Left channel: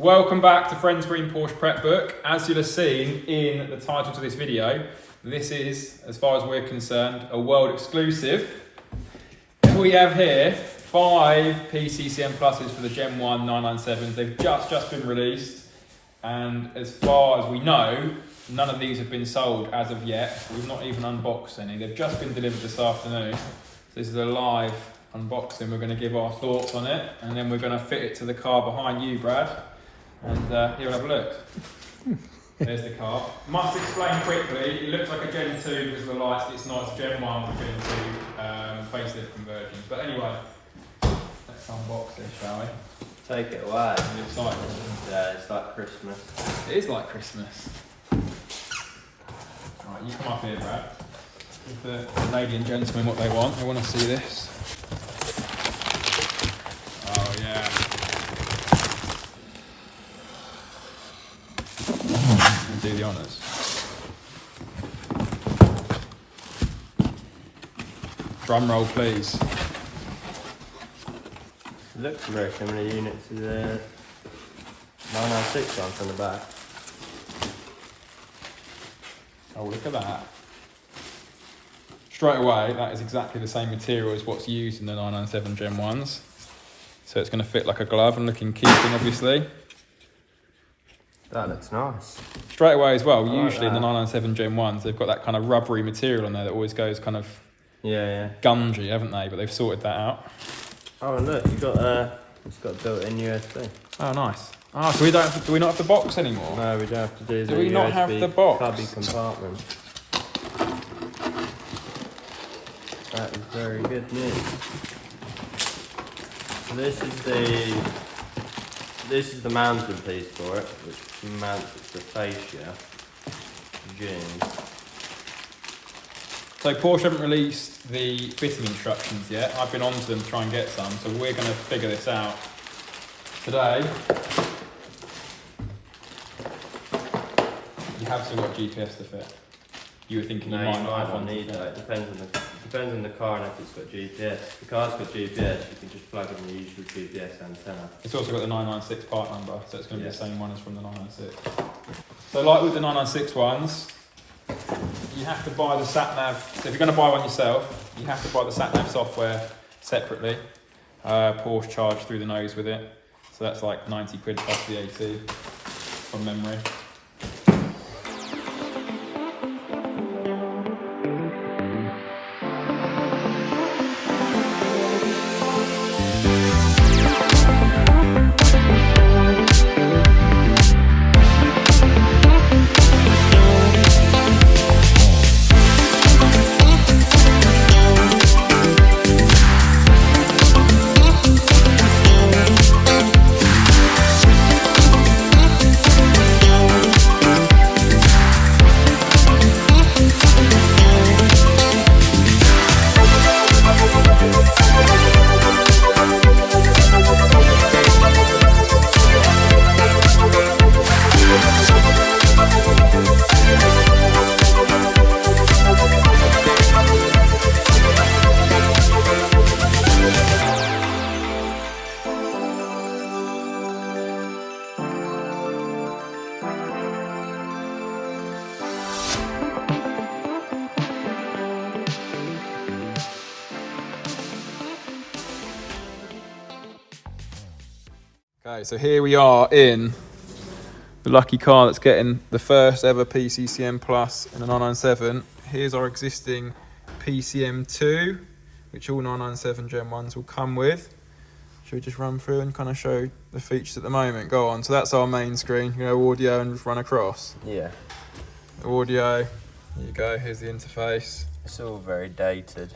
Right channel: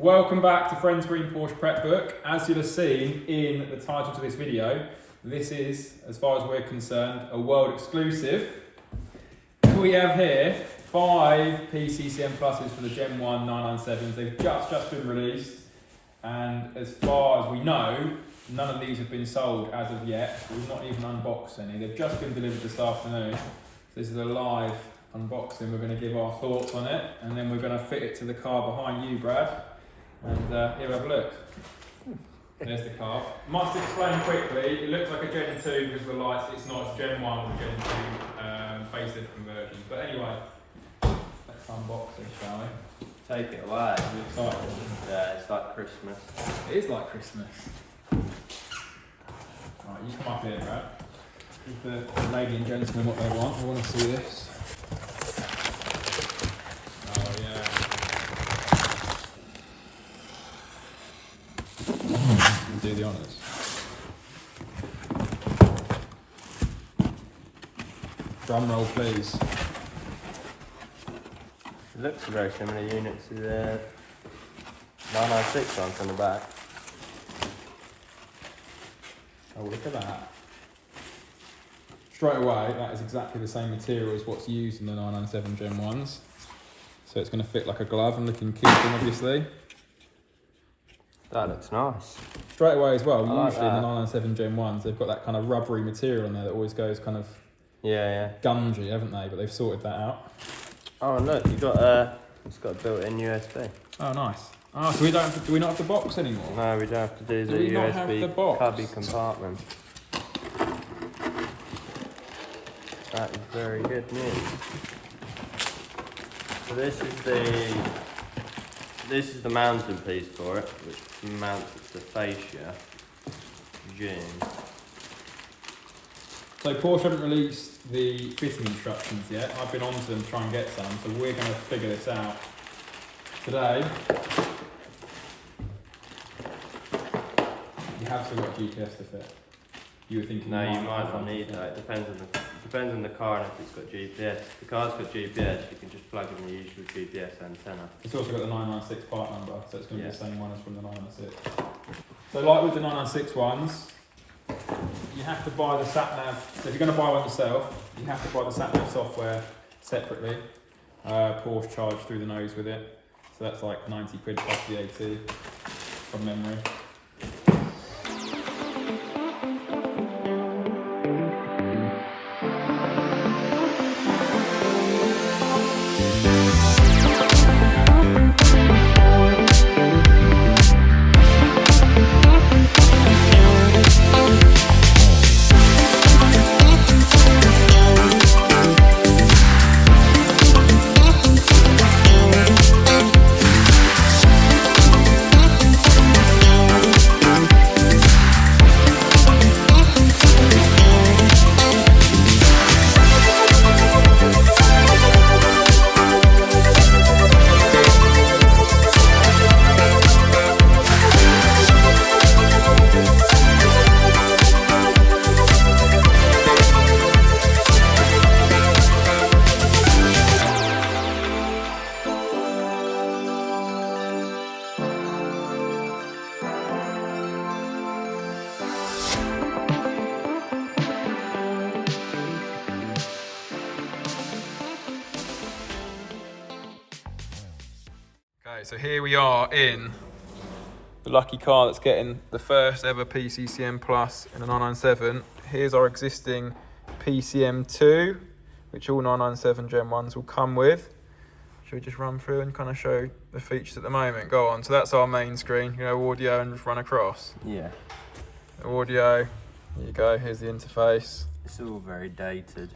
Welcome back to Friends Green Porsche Prep Book. As you'll have seen in the title to this video, this is, as far as we're concerned, a world exclusive. We have here 5 PCCM pluses for the Gen 1 997s. They've just been released, and as far as we know, none of these have been sold as of yet. We've not even unboxed any. They've just been delivered this afternoon. So this is a live unboxing. We're going to give our thoughts on it, and then we're going to fit it to the car behind you, Brad. And here we'll have a look. There's the car. Must explain quickly, it looks like a Gen 2 because of the lights. It's not, it's Gen 1 with Gen 2 facelift conversion. But anyway, let's unbox this, shall we? Take it away. Are you excited? Yeah, it's like Christmas. It is like Christmas. Right, you come up here, Brad. Give the lady and gentleman what they want. They want to see this. Oh yeah. Do the honours. Drum roll, please. It looks very similar units to the 996 ones on the back. Oh, look at that. Straight away, that is exactly the same material as what's used in the 997 Gen 1s. So it's going to fit like a glove and look in keeping, obviously. That looks nice. Straight away as well, usually in the 997 Gen 1s, they've got that kind of rubbery material on there that always goes kind of gungy, haven't they? But they've sorted that out. Oh, and look, you've got it's got a built-in USB. Oh, nice. Oh, so do we not have the box anymore? No, we don't have to do the we not USB have the box? cubby compartment. That is very good news. So this is the mounting piece for it, which mounts it to the fascia. June. So Porsche haven't released the fitting instructions yet. I've been on to them to try and get some, so we're going to figure this out today. You have still got GPS to fit. You were thinking no, you might not need that. It depends on the car and if it's got GPS. If the car's got GPS, you can just plug in the usual GPS antenna. It's also got the 996 part number, so it's going to be the same one as from the 996. So like with the 996 ones, you have to buy the sat-nav. So if you're going to buy one yourself, you have to buy the sat-nav software separately. Porsche charge through the nose with it. So that's like 90 quid plus VAT from memory. Okay, so here we are in the lucky car that's getting the first ever PCCM Plus in a 997. Here's our existing PCM2, which all 997 Gen 1s will come with. Should we just run through and kind of show the features at the moment? Go on. So that's our main screen. You know, audio and just run across. Yeah. Audio. Here you go. Here's the interface. It's all very dated.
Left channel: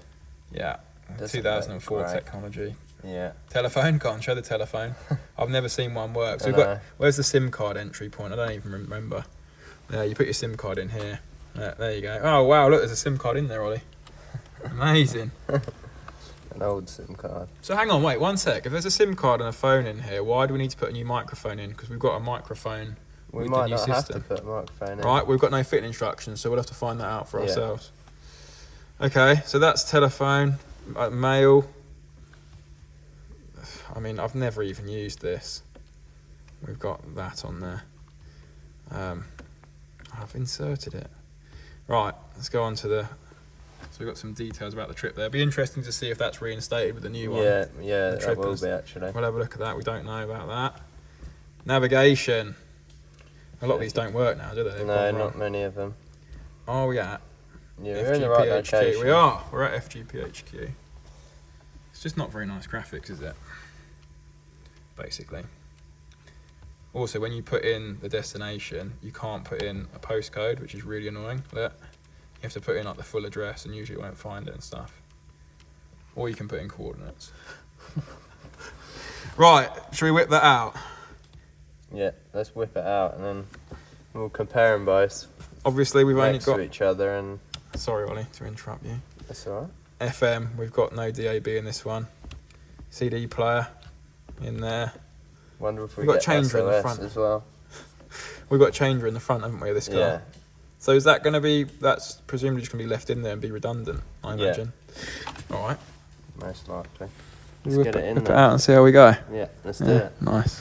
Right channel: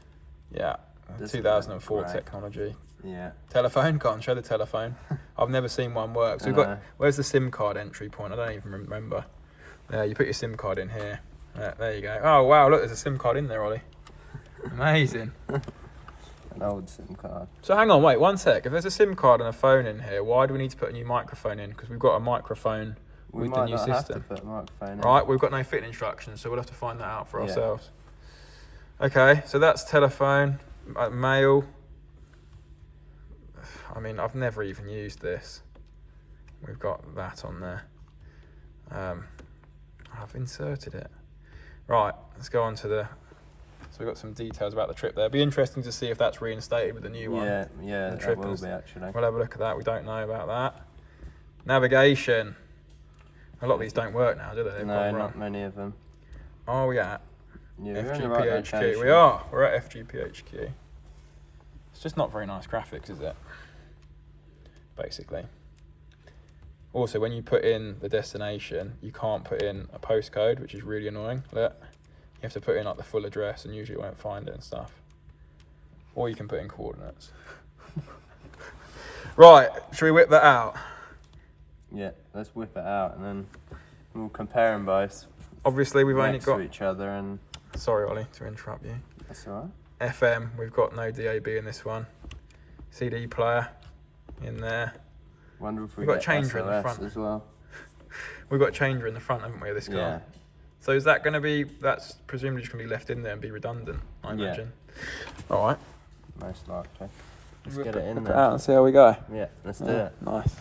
Yeah. Doesn't 2004 look right. technology. Yeah. Telephone, can't show the telephone. I've never seen one work. So we've got, where's the SIM card entry point? I don't even remember. There, you put your SIM card in here. There you go. Oh wow, look, there's a SIM card in there, Ollie. Amazing. An old SIM card. So hang on, wait, one sec. If there's a SIM card and a phone in here, why do we need to put a new microphone in? Because we've got a microphone with the new system. Have to put a microphone in. Right, we've got no fitting instructions, so we'll have to find that out for ourselves. Okay, so that's telephone, mail. I mean, I've never even used this. we've got that on there. I've inserted it. Right, let's go on to the... So we've got some details about the trip there. It'll be interesting to see if that's reinstated with the new one. Yeah, the that will be actually. We'll have a look at that. We don't know about that. Navigation. A lot of these don't work now, do they? They've No, gone not wrong. many of them. Are we at Yeah, we're in the right FGP HQ? location. We are. We're at FGP HQ. It's just not very nice graphics, is it? Basically. Also, when you put in the destination, you can't put in a postcode, which is really annoying. Look. You have to put in like the full address and usually it won't find it and stuff. Or you can put in coordinates. Right, should we whip that out? Yeah, let's whip it out and then we'll compare them both. Obviously we've only next got... to each other and... Sorry Ollie, to interrupt you. That's alright. FM, we've got no DAB in this one. CD player in there. Wonder if We've got a changer in the SOS front as well. We've got a changer in the front, haven't we, of this car? Yeah. So is that going to be, that's presumably just going to be left in there and be redundant, I imagine. Yeah. All right. Most likely. Let's get it in Whip there. it out and see how we go. Yeah, let's do it. Nice.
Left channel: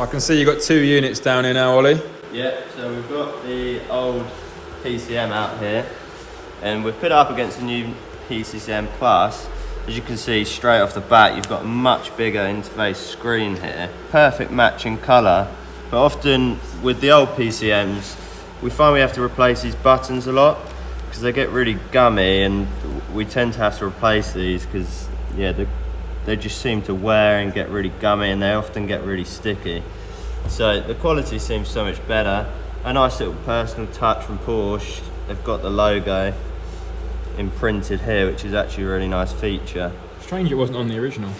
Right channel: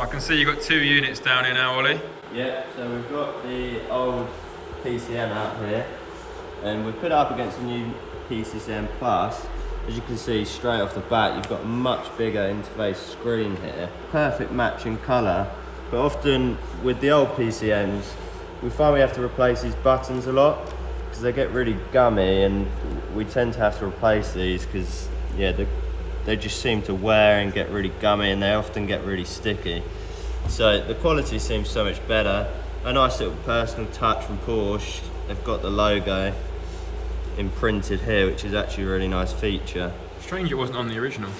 So I can see you've got 2 units down here now, Ollie. Yeah, so we've got the old PCM out here and we've put it up against the new PCCM Plus. As you can see straight off the bat, you've got a much bigger interface screen here. Perfect matching colour, but often with the old PCMs, we find we have to replace these buttons a lot because they get really gummy and we tend to have to replace these because, yeah, they just seem to wear and get really gummy and they often get really sticky. So the quality seems so much better. A nice little personal touch from Porsche. They've got the logo imprinted here, which is actually a really nice feature. Strange it wasn't on the original.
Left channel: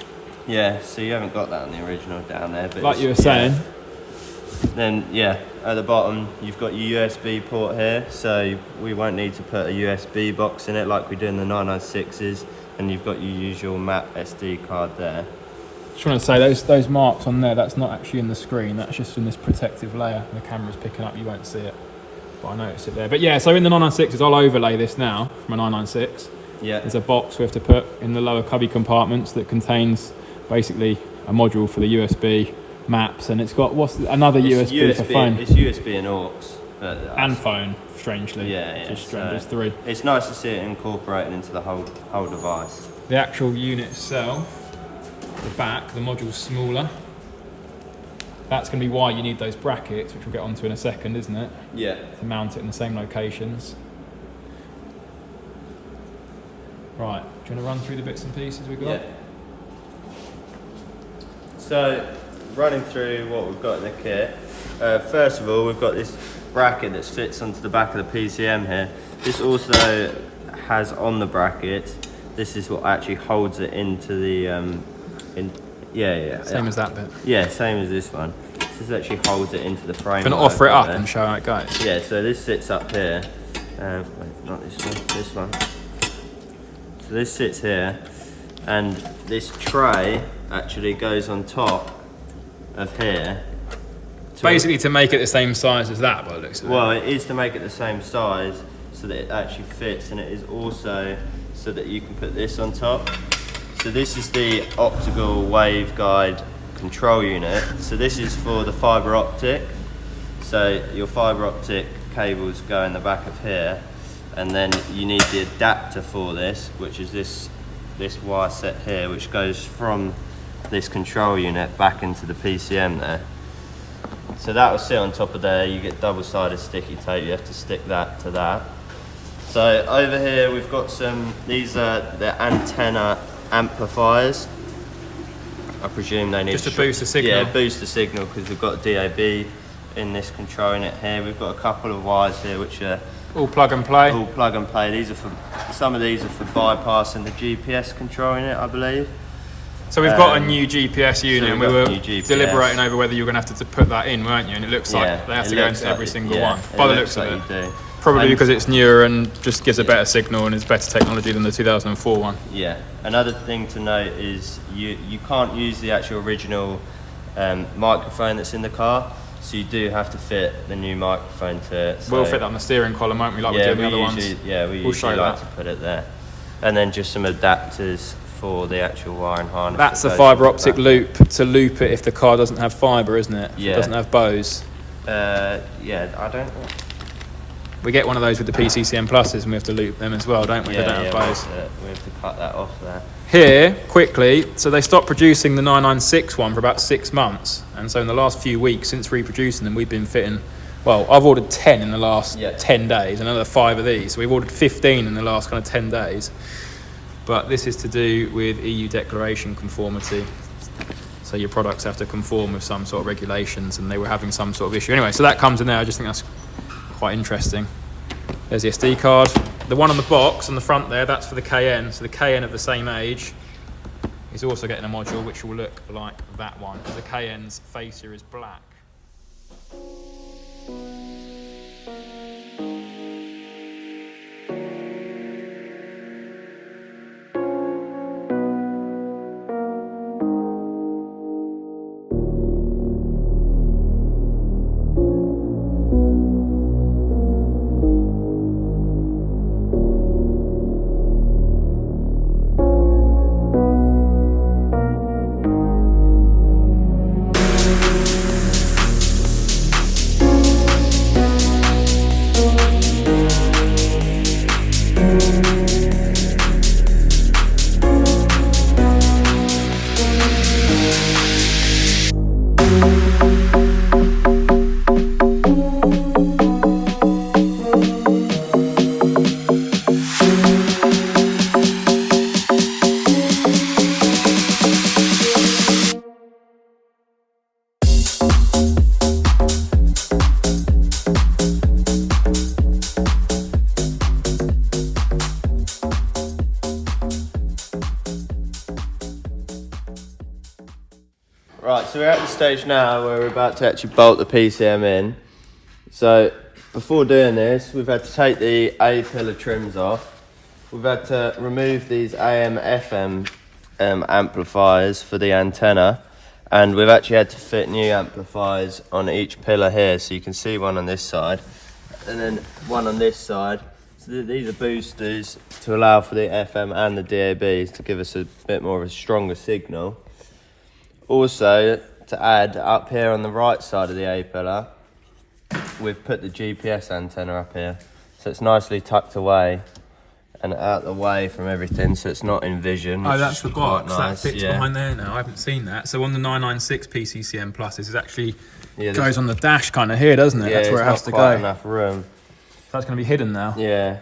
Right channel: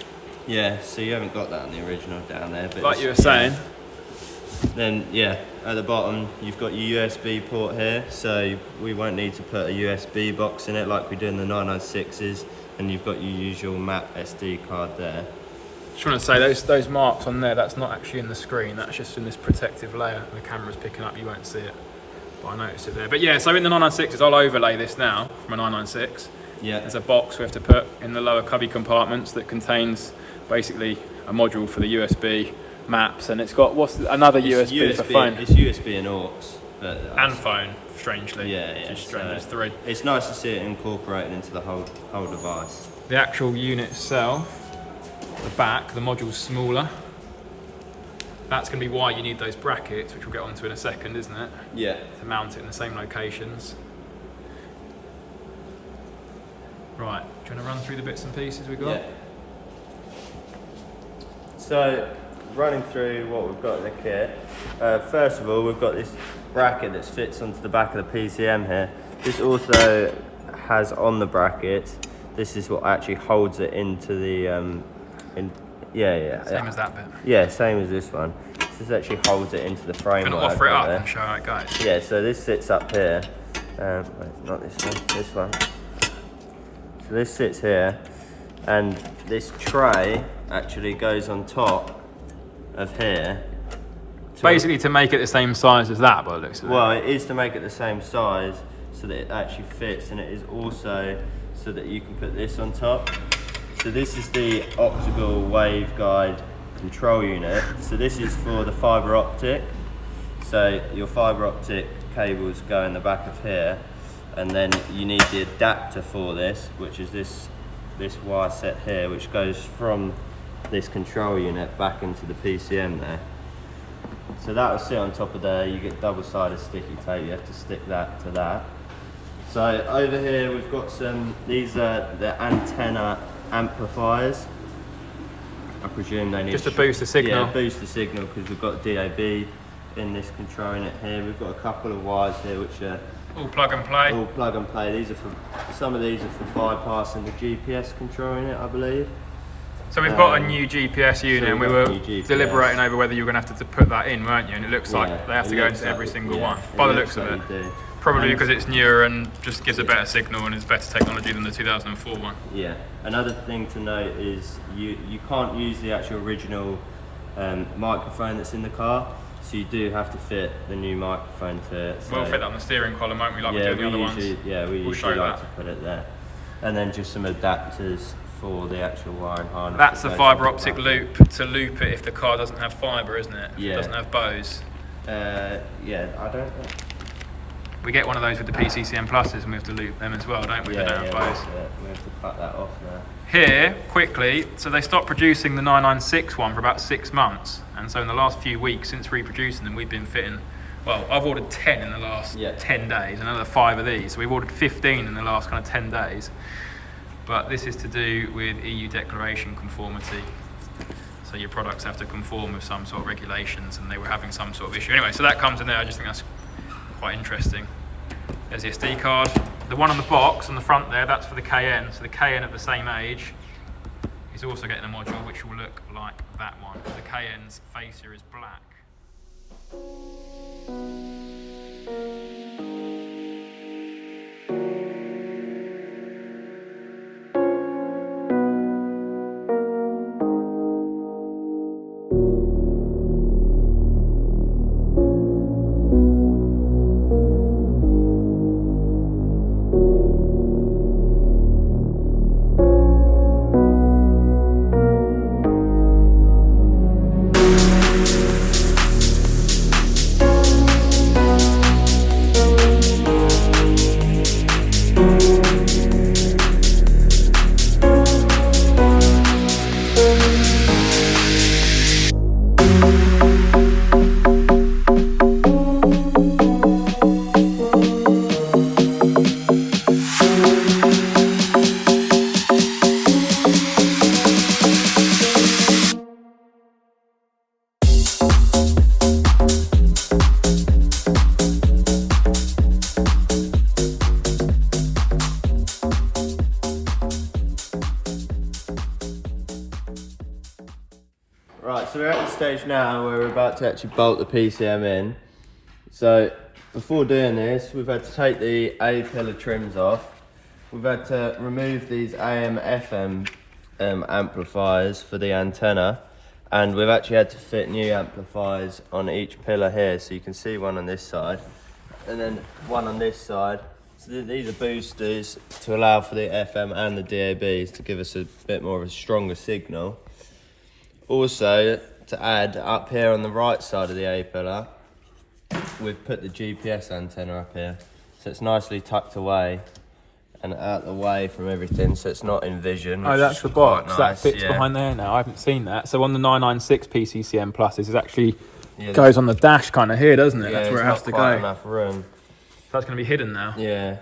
Yeah, so you haven't got that on the original down there. But like you were saying. Then yeah, at the bottom you've got your USB port here, so we won't need to put a USB box in it like we do in the 996s, and you've got your usual map SD card there. Just want to say those marks on there, that's not actually in the screen, that's just in this protective layer. The camera's picking up, you won't see it, but I noticed it there. But yeah, so in the 996s, I'll overlay this now from a 996. Yeah. There's a box we have to put in the lower cubby compartments that contains basically a module for the USB maps, and it's got another USB for phone. It's USB and aux. And phone, strangely. Yeah. Just strange, there's 3. It's nice to see it incorporated into the whole device. The actual unit itself, the back, the module's smaller. That's going to be why you need those brackets, which we'll get onto in a second, isn't it? Yeah. To mount it in the same locations. Right, do you want to run through the bits and pieces we got? Yeah. So, running through what we've got in the kit. First of all, we've got this bracket that fits onto the back of the PCM here. This also has on the bracket, this is what actually holds it into the Same as that bit. Yeah, same as this one. This actually holds it into the frame. Gonna offer it up and show how it goes. Yeah, so this sits up here. Wait, not this one, this one. So this sits here, and this tray actually goes on top of here. Basically to make it the same size as that, by the looks of it. Well, it is to make it the same size so that it actually fits, and it is also so that you can put this on top. So this is the optical waveguide control unit. So this is for the fibre optic. So your fibre optic cables go in the back of here, and then you need the adapter for this, which is this wire set here, which goes from this control unit back into the PCM there. So that will sit on top of there. You get double-sided sticky tape. You have to stick that to that. So over here we've got these are the antenna amplifiers. I presume they need just to boost the signal. Yeah, boost the signal, because we've got DAB in this control unit here. We've got a couple of wires here which are all plug and play. All plug and play. These are for some of these are for bypassing the GPS control unit, I believe. So we've got a new GPS unit, so and we were deliberating over whether you were going to have to put that in, weren't you? And it looks like they have to go into every single one, by the looks of it. Probably because it's newer and just gives a better signal and is better technology than the 2004 one. Yeah. Another thing to note is you can't use the actual original microphone that's in the car, so you do have to fit the new microphone to it. So, we'll fit that on the steering column, won't we? Like we did the other ones. Yeah, we usually like to put it there. And then just some adapters for the actual wiring harness. That's the fibre optic loop to loop it if the car doesn't have fibre, isn't it? Yeah. It doesn't have bows. Yeah, I don't know. We get one of those with the PCCM pluses, and we have to loop them as well, don't we? Yeah, they don't have bows. We have to cut that off there. Here, quickly, so they stopped producing the 996 one for about 6 months, and so in the last few weeks since reproducing them, we've been fitting, well, I've ordered 10 in the last 10 days, another 5 of these, so we've ordered 15 in the last kind of 10 days. But this is to do with EU declaration conformity, so your products have to conform with some sort of regulations, and they were having some sort of issue. Anyway, so that comes in there. I just think that's quite interesting. There's the SD card. The one on the box on the front there, that's for the Cayenne. So the Cayenne of the same age is also getting a module which will look like that one, because the Cayenne's facer is black. Right, so we're at the stage now where we're about to actually bolt the PCM in. So before doing this, we've had to take the A pillar trims off. We've had to remove these AM FM amplifiers for the antenna, and we've actually had to fit new amplifiers on each pillar here. So you can see one on this side and then one on this side. So these are boosters to allow for the FM and the DABs to give us a bit more of a stronger signal. Also, to add, up here on the right side of the A pillar, we've put the GPS antenna up here. So it's nicely tucked away and out the way from everything, so it's not in vision. Oh, that's the box. Nice. That fits behind there now. I haven't seen that. So on the 996 PCCM Pluses, it actually goes on the dash kind of here, doesn't it? That's where it has to go. Enough room. That's going to be hidden now. Yeah.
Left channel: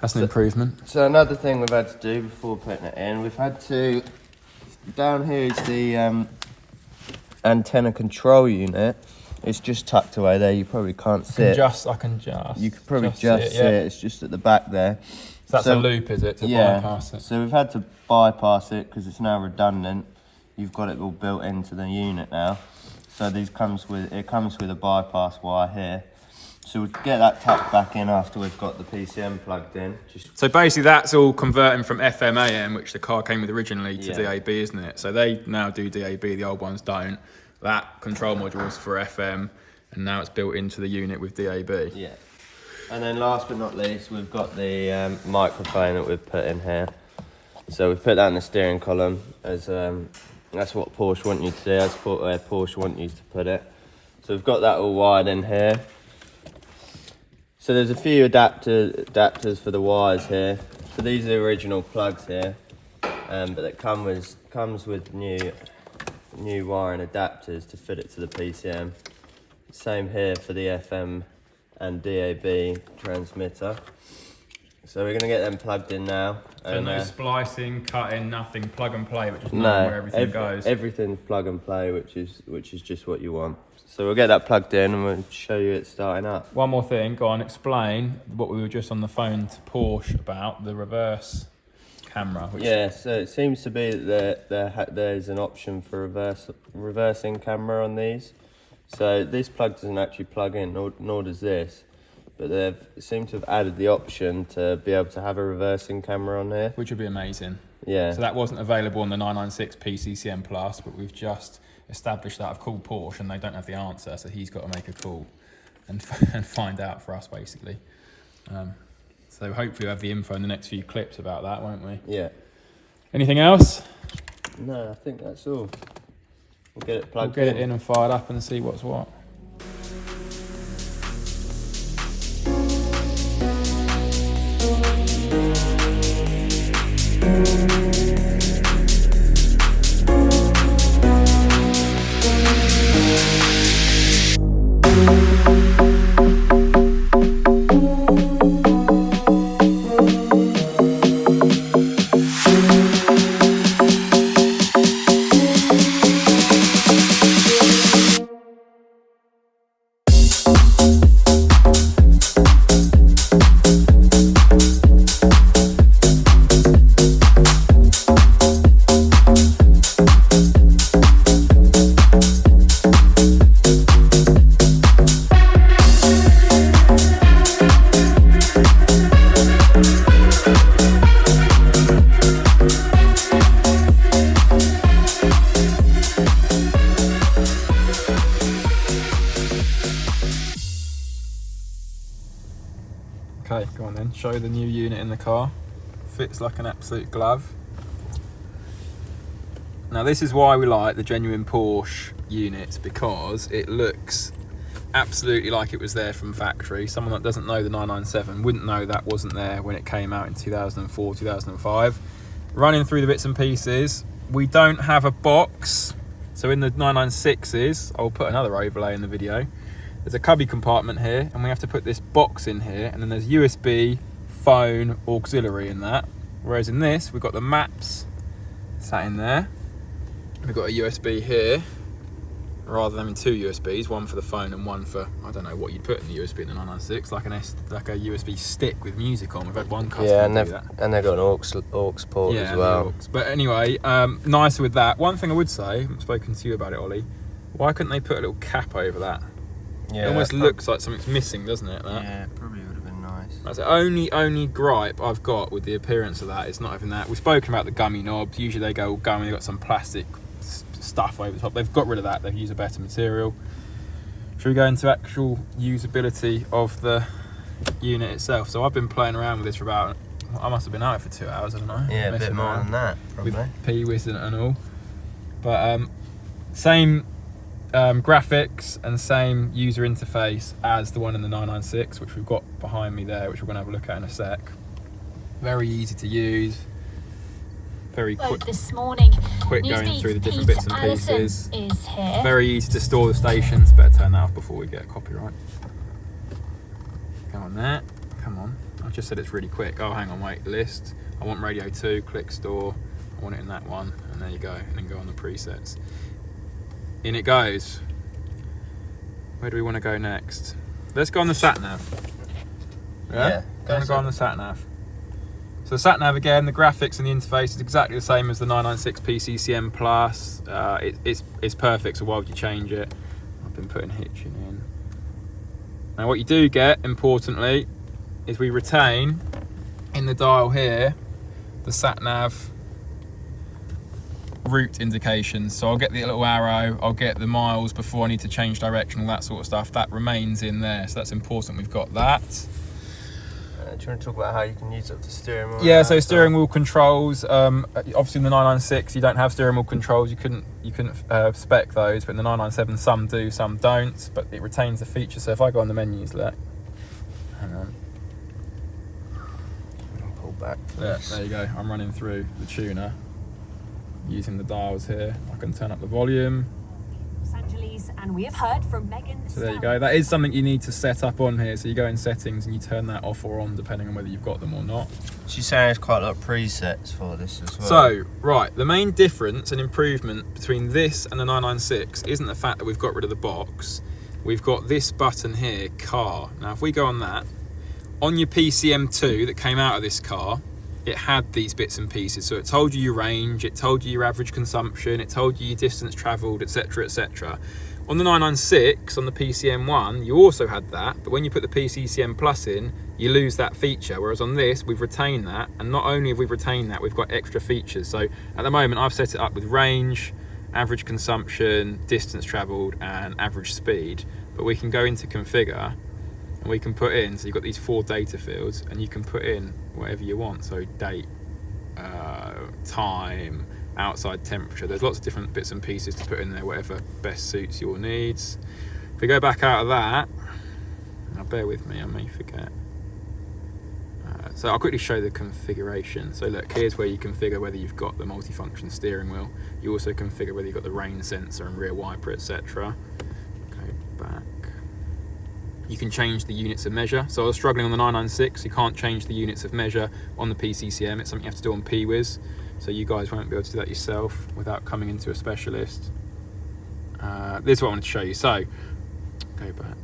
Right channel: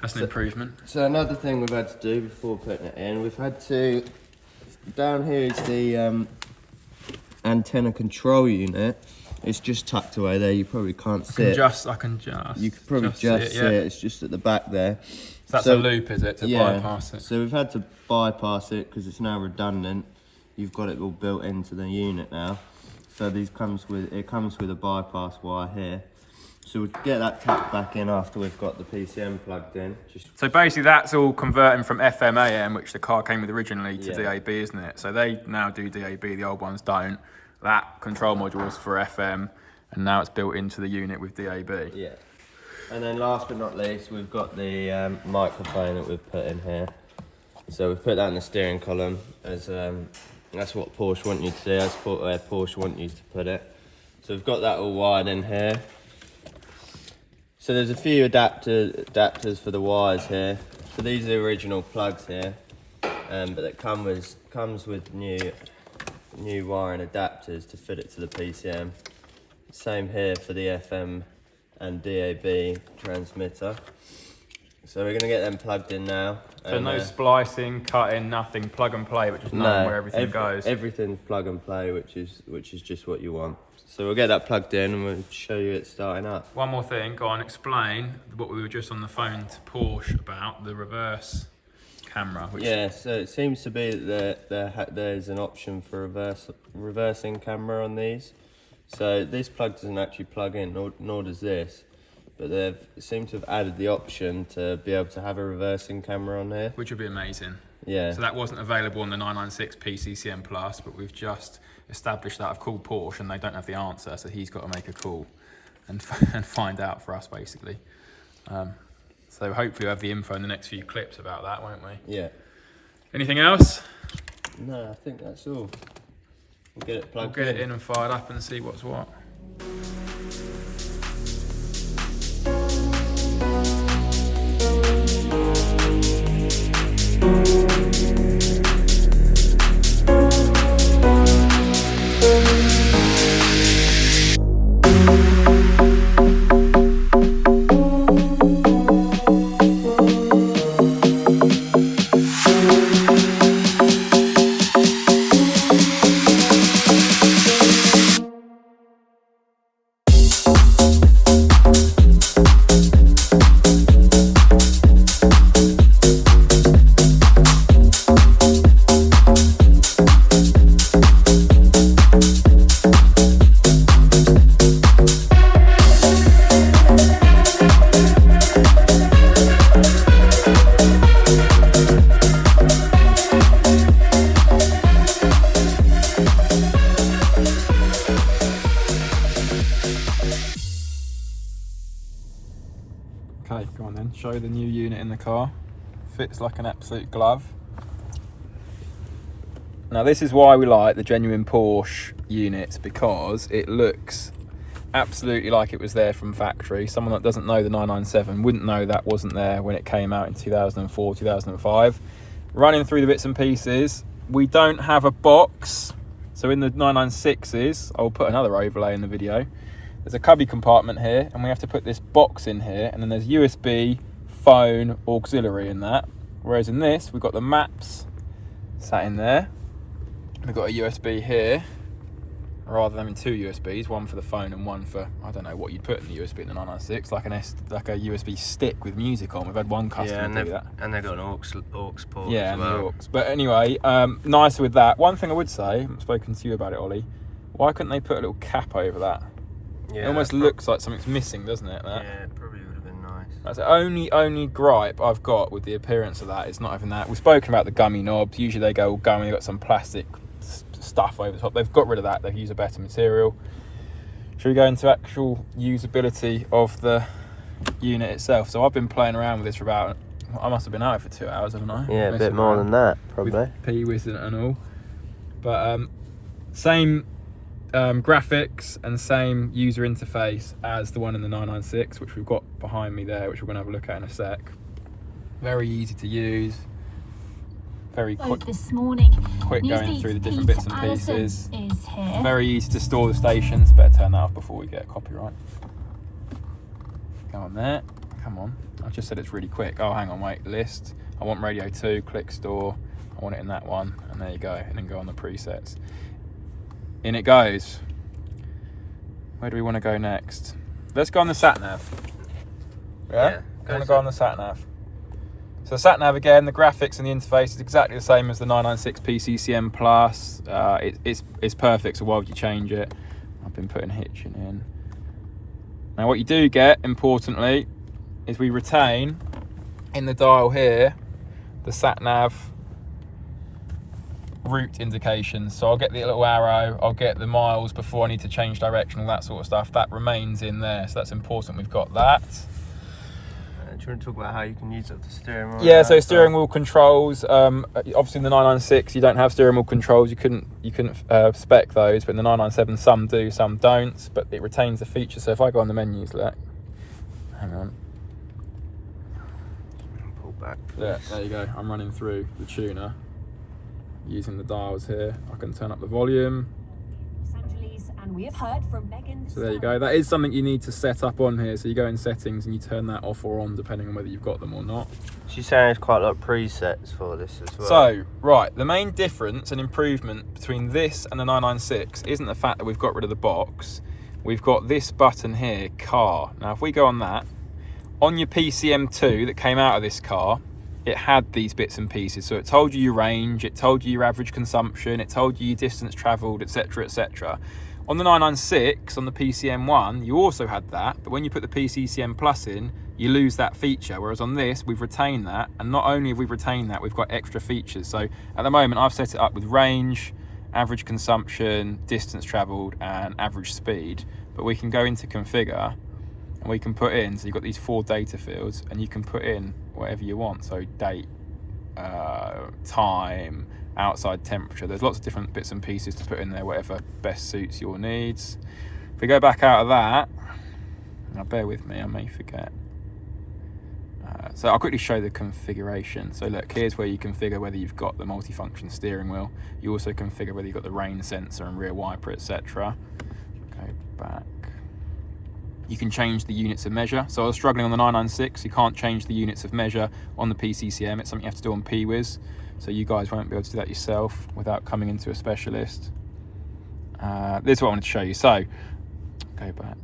That's an improvement. So another thing we've had to do before putting it in, we've had to, down here is the antenna control unit. It's just tucked away there. You probably can't see it. I can just. You could probably just see it. It's just at the back there. So that's a loop, is it, to bypass it? So we've had to bypass it because it's now redundant. You've got it all built into the unit now. So it comes with a bypass wire here. So we'll get that tucked back in after we've got the PCM plugged in. So basically that's all converting from FM AM, which the car came with originally, to DAB, isn't it? So they now do DAB, the old ones don't. That control module was for FM, and now it's built into the unit with DAB. Yeah. And then last but not least, we've got the microphone that we've put in here. So we've put that in the steering column as that's what Porsche want you to do. That's where Porsche want you to put it. So we've got that all wired in here. So there's a few adapters for the wires here. So these are the original plugs here, but that comes with new wiring adapters to fit it to the PCM. Same here for the FM and DAB transmitter. So we're going to get them plugged in now. So no splicing, cutting, nothing, plug and play, but just knowing no, where everything goes. Everything's plug and play, which is just what you want. So we'll get that plugged in and we'll show you it starting up. One more thing, go on, explain what we were just on the phone to Porsche about, the reverse camera. Yeah, so it seems to be that there's an option for reversing camera on these. So this plug doesn't actually plug in, nor does this. But they seem to have added the option to be able to have a reversing camera on here. Which would be amazing. Yeah. So that wasn't available on the 996 PCCM Plus, but we've just established that. I've called Porsche and they don't have the answer, so he's got to make a call and find out for us, basically. So hopefully we'll have the info in the next few clips about that, won't we? Yeah. Anything else? No, I think that's all. We'll get it plugged in. We'll get it in and fired up and see what's what. Okay, go on then, show the new unit in the car. Fits like an absolute glove. Now this is why we like the genuine Porsche units, because it looks absolutely like it was there from factory. Someone that doesn't know the 997 wouldn't know that wasn't there when it came out in 2004, 2005. Running through the bits and pieces, we don't have a box. So in the 996s, I'll put another overlay in the video, there's a cubby compartment here, and we have to put this box in here, and then there's USB, phone, auxiliary in that. Whereas in this, we've got the maps sat in there. We've got a USB here, rather than two USBs, one for the phone and one for, I don't know what you'd put in the USB in the 996, like a USB stick with music on. We've had one customer do that. And they've got an aux port as well. But anyway, nicer with that. One thing I would say, I've spoken to you about it, Ollie, why couldn't they put a little cap over that? Yeah, it almost looks like something's missing, doesn't it? That? Yeah, it probably would have been nice. That's the only gripe I've got with the appearance of that. It's not having that. We've spoken about the gummy knobs. Usually they go all gummy, they've got some plastic stuff over the top. They've got rid of that, they've used a better material. Should we go into actual usability of the unit itself? So I've been playing around with this for about, I must have been out for 2 hours, haven't I? Yeah, a bit more than that, probably. With P-Wiz and all. But same graphics and same user interface as the one in the 996, which we've got behind me there, which we're going to have a look at in a sec. Very easy to use, very quick this morning. Quick going through the different bits and pieces. Is here. Very easy to store the stations. Better turn that off before we get a copyright. Go on there. Come on. I just said it's really quick. Oh, hang on, wait. List. I want radio 2. Click store. I want it in that one. And there you go. And then go on the presets. In it goes. Where do we want to go next? Let's go on the sat nav. Yeah. Go on the sat nav. So sat nav again, the graphics and the interface is exactly the same as the 996 PCCM Plus. It's perfect, so why would you change it? I've been putting hitching in. Now what you do get, importantly, is we retain in the dial here the sat nav route indications. So I'll get the little arrow, I'll get the miles before I need to change direction, all that sort of stuff. That remains in there, so that's important we've got that. Do you want to talk about how you can use up the steering wheel? Yeah, so steering wheel controls. Obviously, in the 996, you don't have steering wheel controls. You couldn't spec those, but in the 997, some do, some don't. But it retains the feature. So if I go on the menus, look, hang on. Pull back. Yeah, there you go. I'm running through the tuner using the dials here. I can turn up the volume. And we have heard from Megan. So there you go. That is something you need to set up on here. So you go in settings and you turn that off or on depending on whether you've got them or not. She's saying there's quite a lot of presets for this as well. So, right, the main difference and improvement between this and the 996 isn't the fact that we've got rid of the box. We've got this button here, car. Now, if we go on that, on your PCM2 that came out of this car, it had these bits and pieces. So it told you your range, it told you your average consumption, it told you your distance travelled, etc, etc. On the 996, on the PCM1, you also had that, but when you put the PCCM Plus in, you lose that feature, whereas on this, we've retained that, and not only have we retained that, we've got extra features. So at the moment, I've set it up with range, average consumption, distance travelled, and average speed, but we can go into configure, and we can put in, so you've got these 4 data fields, and you can put in whatever you want, so date, time, outside temperature. There's lots of different bits and pieces to put in there, whatever best suits your needs. If we go back out of that, now bear with me, I may forget. So I'll quickly show the configuration. So look, here's where you configure whether you've got the multifunction steering wheel. You also configure whether you've got the rain sensor and rear wiper, etc. Go back. You can change the units of measure. So I was struggling on the 996, you can't change the units of measure on the PCCM. It's something you have to do on PWIS. So you guys won't be able to do that yourself without coming into a specialist. This is what I wanted to show you. So, go back.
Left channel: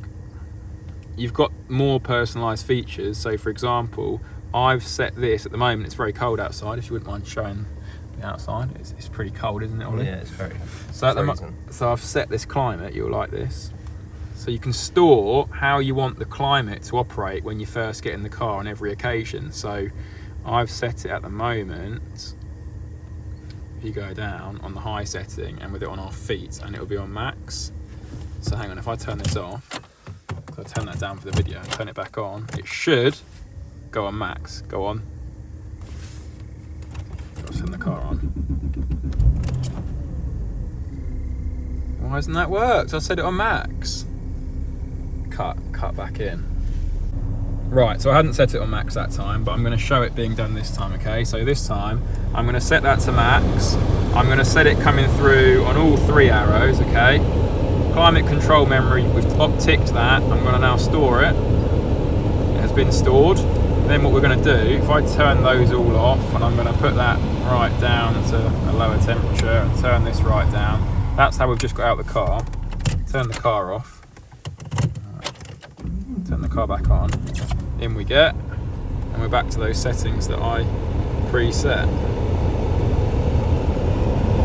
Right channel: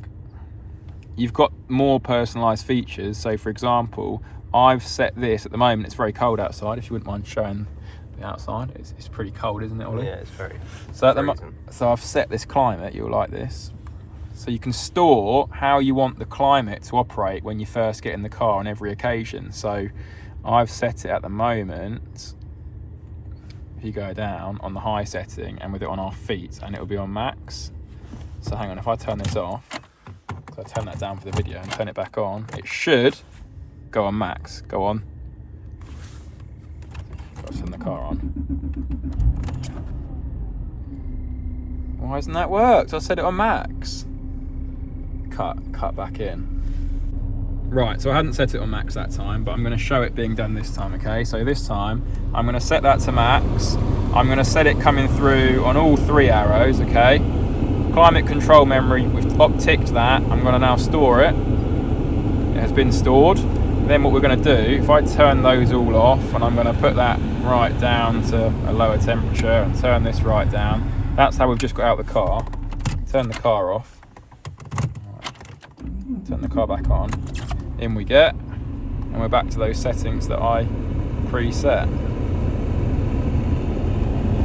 You've got more personalised features. So for example, I've set this, at the moment it's very cold outside, if you wouldn't mind showing the outside. It's pretty cold, isn't it, Ollie? Yeah, it's very so I've set this climate, you'll like this. So you can store how you want the climate to operate when you first get in the car on every occasion. So I've set it at the moment, if you go down on the high setting and with it on our feet, and it'll be on max. So hang on, if I turn this off, so I turn that down for the video and turn it back on, it should go on max. Go on. What's in the car on? Why hasn't that worked? I set it on max. Cut back in. Right, so I hadn't set it on max that time, but I'm going to show it being done this time, okay? So this time, I'm going to set that to max. I'm going to set it coming through on all 3 arrows, okay? Climate control memory, we've ticked that. I'm going to now store it. It has been stored. Then what we're going to do, if I turn those all off, and I'm going to put that right down to a lower temperature, and turn this right down. That's how we've just got out of the car. Turn the car off. Turn the car back on. In we get, and we're back to those settings that I preset.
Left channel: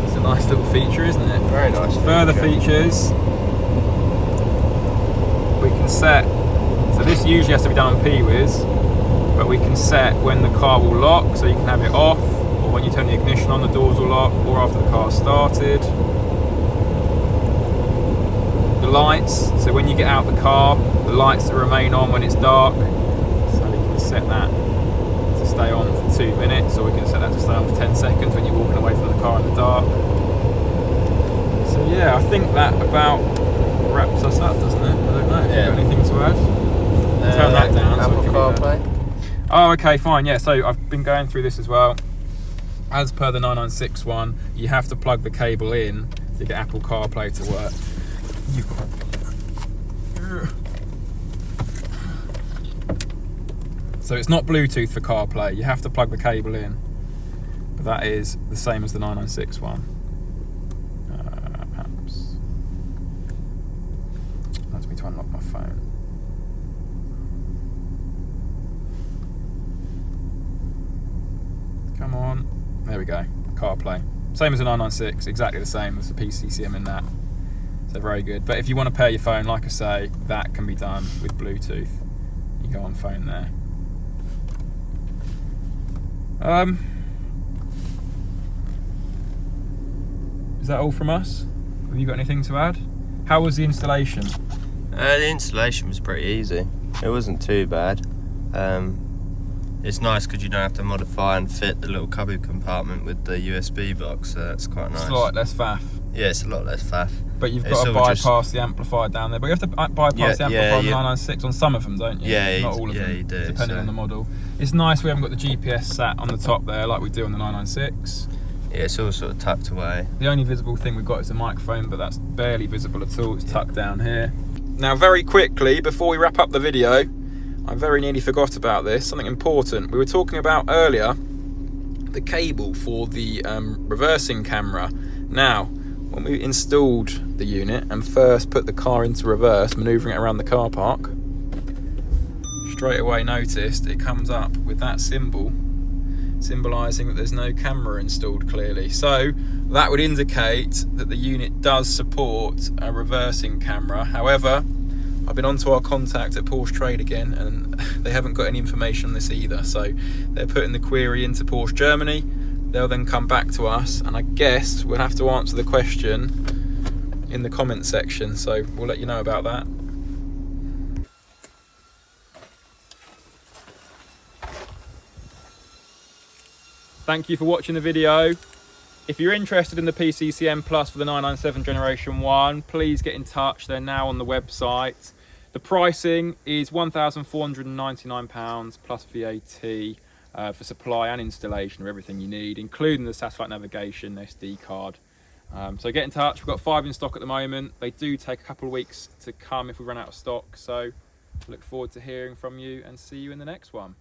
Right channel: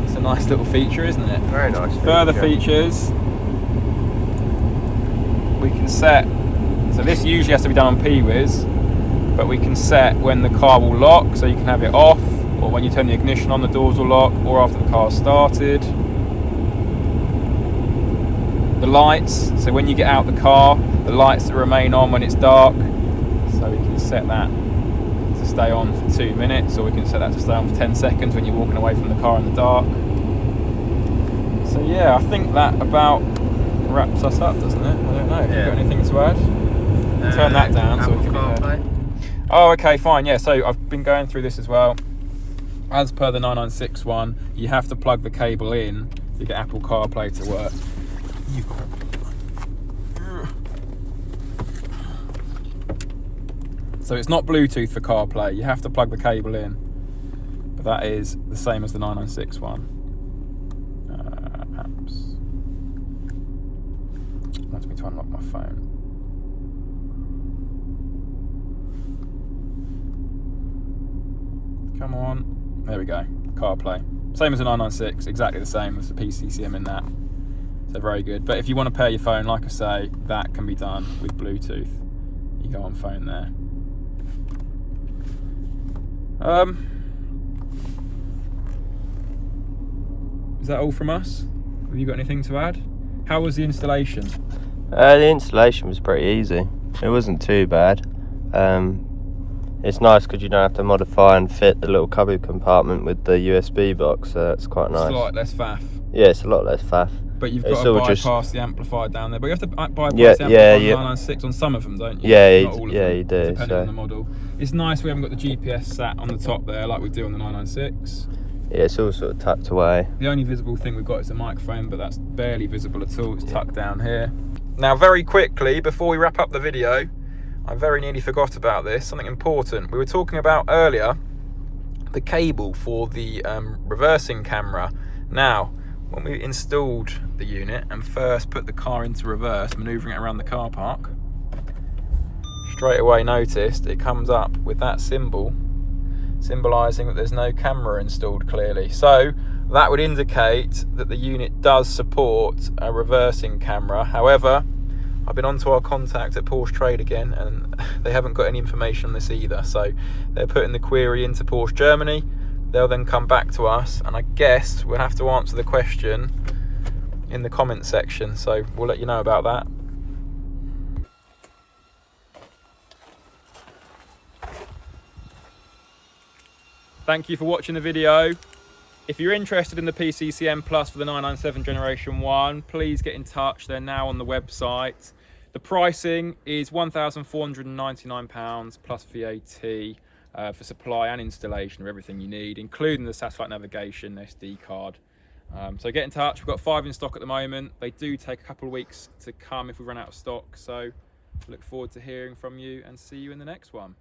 It's a nice little feature, isn't it? very nice. Further features, we can set, so this usually has to be done on PWIS, but we can set when the car will lock, so you can have it off, or when you turn the ignition on, the doors will lock, or after the car's started. The lights, so when you get out the car, the lights that remain on when it's dark, so we can set that to stay on for 2 minutes, or we can set that to stay on for 10 seconds when you're walking away from the car in the dark. So yeah, I think that about wraps us up, doesn't it? I don't know. Yeah. Anything to add? Turn that down. Apple CarPlay. Oh, okay, fine. Yeah, so I've been going through this as well. As per the 996 one, you have to plug the cable in to get Apple CarPlay to work. So it's not Bluetooth for CarPlay, you have to plug the cable in. But that is the same as the 996 one. Apps. Wants me to unlock my phone. Come on. There we go. CarPlay. Same as the 996, exactly the same as the PCCM in that. So very good. But if you want to pair your phone, like I say, that can be done with Bluetooth. You go on phone there. Is that all from us? Have you got anything to add? How was the installation? The installation was pretty easy. It wasn't too bad. It's nice because you don't have to modify and fit the little cubby compartment with the USB box, so that's quite nice. It's a lot less faff. Yeah, it's a lot less faff. But you've It's got to all just- bypass the amplifier down there. But you have to bypass Yeah, the amplifier yeah, on the yeah. 996 on some of them, don't you? Yeah, Not all of yeah, them, you do, depending so- on the model. It's nice we haven't got the GPS sat on the top there like we do on the 996. Yeah, it's all sort of tucked away. The only visible thing we've got is the microphone, but that's barely visible at all. It's tucked down here. Now, very quickly, before we wrap up the video, I very nearly forgot about this, something important. We were talking about earlier the cable for the reversing camera. Now, when we installed the unit and first put the car into reverse, manoeuvring it around the car park, straight away noticed it comes up with that symbol, symbolising that there's no camera installed clearly. So that would indicate that the unit does support a reversing camera. However, I've been on to our contact at Porsche Trade again, and they haven't got any information on this either. So they're putting the query into Porsche Germany. They'll then come back to us, and I guess we'll have to answer the question in the comment section. So we'll let you know about that. Thank you for watching the video. If you're interested in the PCCM Plus for the 997 Generation 1, please get in touch. They're now on the website. The pricing is £1,499 plus VAT for supply and installation of everything you need, including the satellite navigation, SD card. So get in touch. We've got 5 in stock at the moment. They do take a couple of weeks to come if we run out of stock. So look forward to hearing from you and see you in the next one.